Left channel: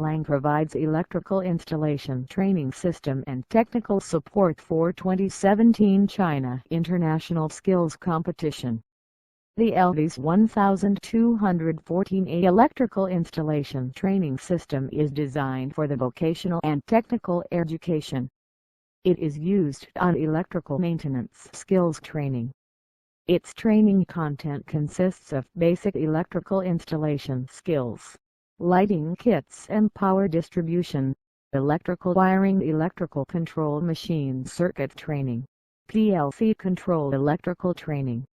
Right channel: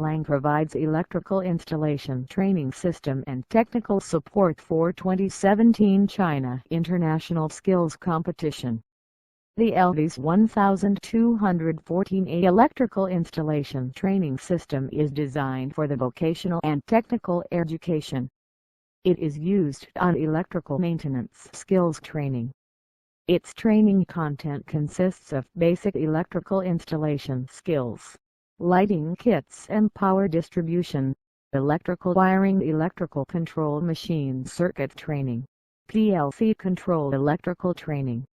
Lang provides electrical installation training system and technical support for 2017 China International Skills Competition. The LD's 1214A electrical installation training system is designed for the vocational and technical education. It is used on electrical maintenance skills training. Its training content consists of basic electrical installation skills, lighting kits and power distribution, electrical wiring, electrical control machine circuit training, PLC control electrical training,